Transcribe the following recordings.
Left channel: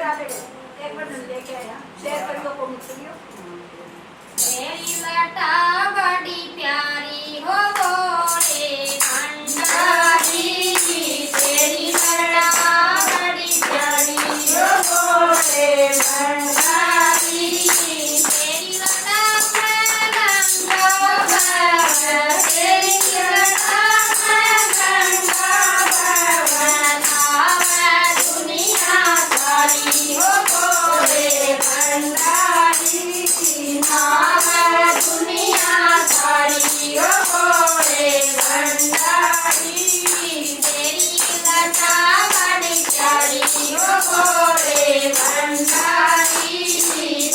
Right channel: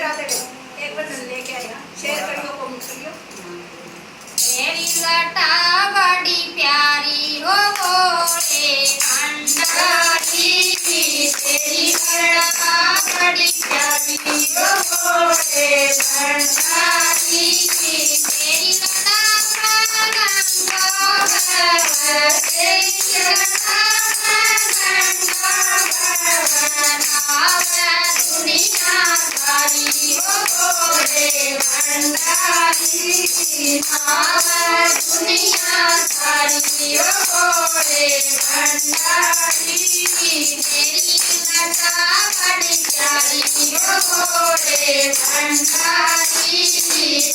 राधे एक भजन लेके आया शेयर करियो कमेंट करियो। तेरी लटा बड़ी प्यारी हो बोले भंडारी तेरी लटा बड़ी प्यारी हो बोले भंडारी तेरी लटा गंगा भवन तेरी लटा गंगा भवन आवे दुनिया सारी हो बोले भंडारी आवे दुनिया सारी हो बोले भंडारी तेरी लटा बड़ी प्यारी हो बोले भंडारी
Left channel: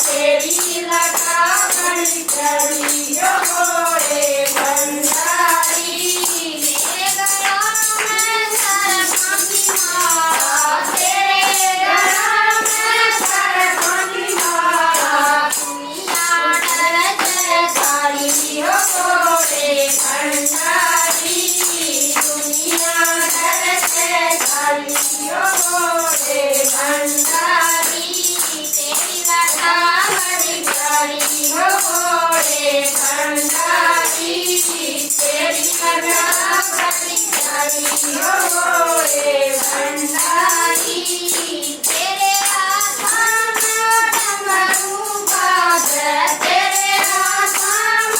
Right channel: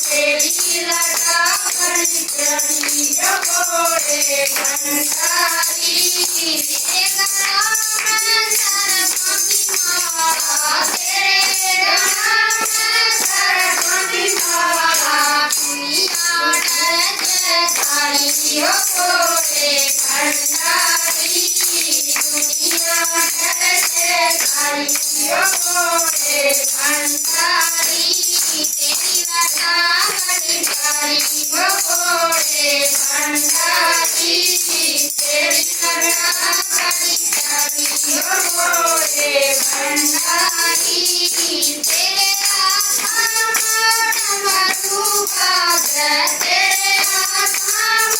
तेरी लटा बड़ी प्यारी हो बोले भंडारी मेरे गला में सरस्वती माला तेरे गला में सरस्वती माला दुनिया डर सारी हो बोले भंडारी दुनिया डर सारी हो बोले भंडारी तेरी लटा बड़ी प्यारी हो बोले भंडारी तेरी लटा बड़ी प्यारी हो बोले भंडारी तेरे आसमान डमरू बाजे तेरे आसमान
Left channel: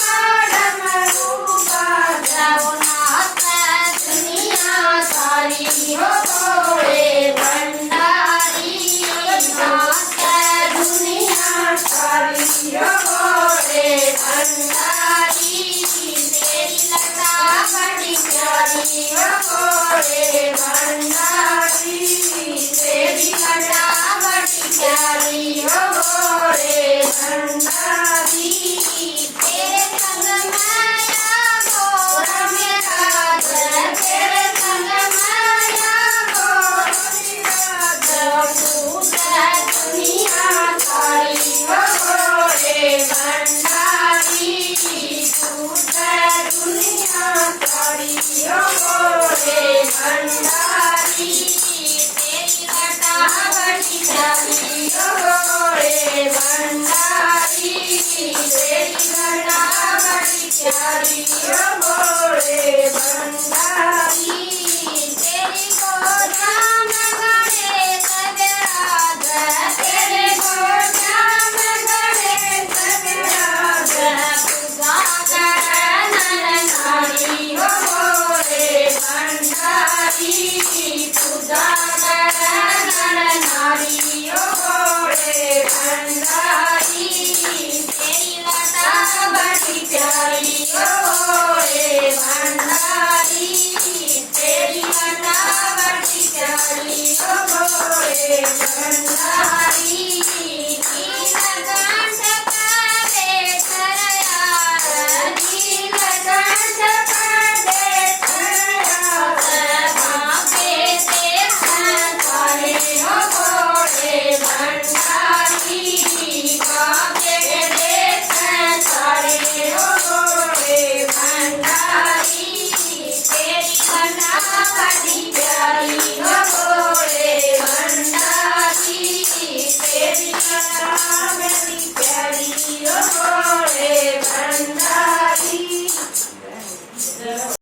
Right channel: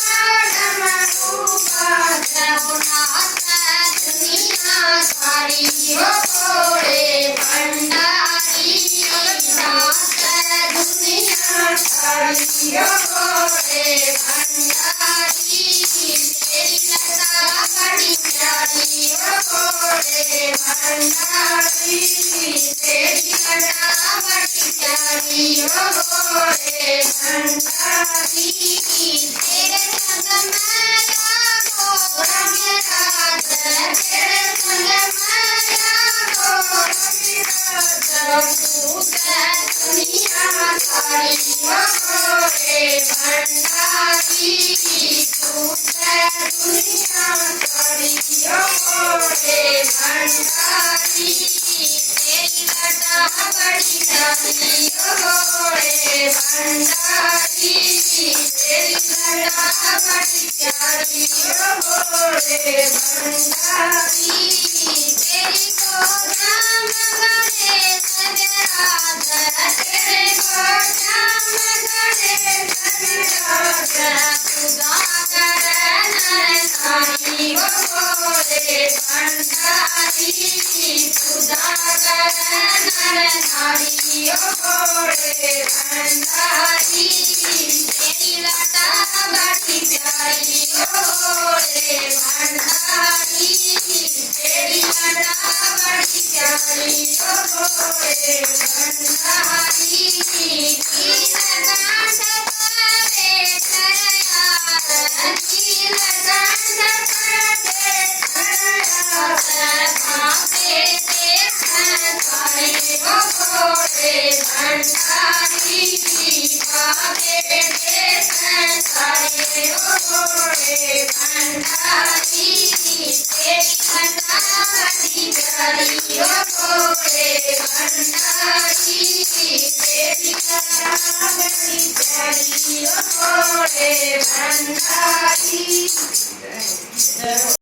डमरू बाजे नाचे दुनिया सारी हो बोले भंडारी नाचे दुनिया सारी हो बोले भंडारी तेरी लटा बड़ी प्यारी हो बोले भंडारी तेरी लटा बड़ी प्यारी हो बोले भंडारी तेरे संग माया गोर मेरा तेरे संग माया गोर मेरा दुनिया सारी हो बोले भंडारी दुनिया सारी हो बोले भंडारी तेरी लटा बड़ी प्यारी हो बोले भंडारी तेरी लटा बड़ी प्यारी हो बोले भंडारी तेरी गोदा में गणेश विराज तेरे गोदा में गणेश विराज पूजा कर नर नारी हो बोले भंडारी पूजा कर नर नारी हो बोले भंडारी तेरी लटा बड़ी प्यारी हो बोले भंडारी तेरी लटा बड़ी प्यारी हो बोले भंडारी नीलकंठ करे शरयार नीलकंठ